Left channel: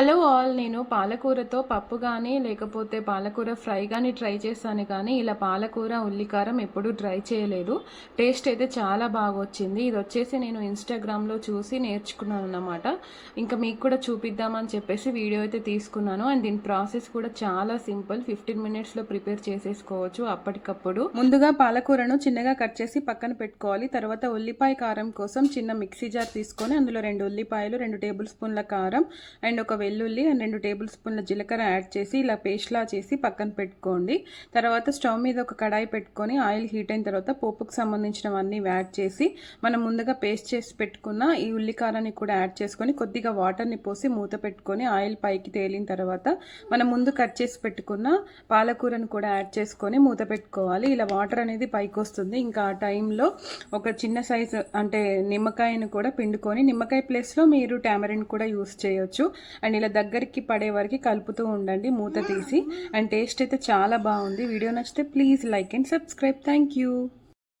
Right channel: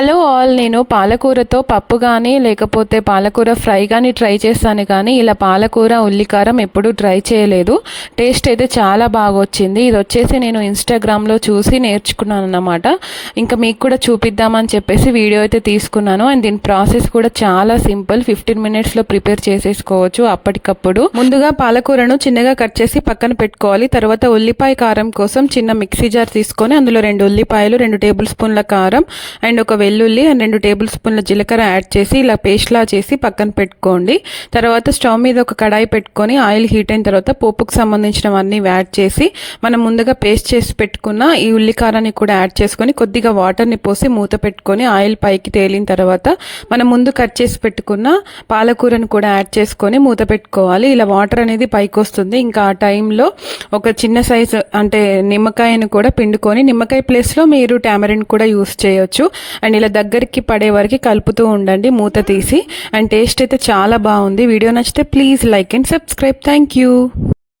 Hallo. కావాలి నేను పాలకూరతో పప్పు కానీ లేకపోతే పాలకూర ఫ్రై కానీ ట్రై చేస్తాను కానీ ఇలా పాలకూర ఉల్లికారం ఎప్పుడూ ట్రై చేయలేదు. టేస్ట్ అయితే చాలా బాగా వచ్చింది ఇది వచ్చేసి నేను ఇన్స్టాగ్రామ్లో చూసి నేర్చుకున్నాను అన్నమాట ఇంకా మీకు కూడా చూపిద్దామని చెప్పేసి వీడియో అయితే తీసుకున్నాను. అండ్ దీని ప్రాసెస్ కూడా చాలా సింపుల్. ఫిఫ్టీన్ మినిట్స్లో ప్రిపేర్ చేసేసుకోవచ్చు అప్పటికప్పుడు. ముందుగా పాలకూరను చిన్నగా కట్ చేసి పక్కన పెట్టుకోవాలి. తర్వాత ఉల్లిపాయ కారం కోసం చిన్న మిక్సీ జార్ తీసుకొని అందులో రెండు ఉల్లిపాయలు రెండు టేబుల్ స్పూన్ల కారం అండ్ ఒక వెల్లుల్లి రెండు టేబుల్ స్పూన్ల జీలకర్ర యాడ్ చేసి ఇలా పేస్ట్లా చేసి పక్కన పెట్టుకోండి. తర్వాత స్టవ్ మీద ఒక కడాయి పెట్టుకొని ఆయిల్ హీట్ అయిన తర్వాత పోపుకు సంబంధించినవన్నీ యాడ్ చేసి మనం ముందుగా పేస్ట్ చేసి పెట్టుకున్న ఈ ఉల్లికారాన్ని కూడా యాడ్ చేసుకొని కొద్దిగా వాటర్ని పోసి మూత పెట్టుకొని ఆయిల్ పైకి తేలిన తర్వాత మనం ముందు కట్ చేసి పెట్టుకున్న పాలకూరను కూడా యాడ్ చేసుకొని మూత పెట్టుకోవాలి. ఇలా వాటర్ అనేది పైకి వస్తుంది. ఇంకా ఆ టైంలో ఒక చిన్న సైజు అంటే నిమ్మకాయను కూడా పిండుకొని నిమ్మకాయ ప్లేస్లో మీరు టామరిన్ కూడా యూస్ చేయొచ్చు. అండ్ ఇలా దగ్గర దగ్గరికి పడే వరకు కలుపుతూ ఉండండి మూత తీసి. అండ్ టేస్ట్ అయితే చాలా బాగుంది. వీడియో నచ్చితే please like and subscribe. Thank you.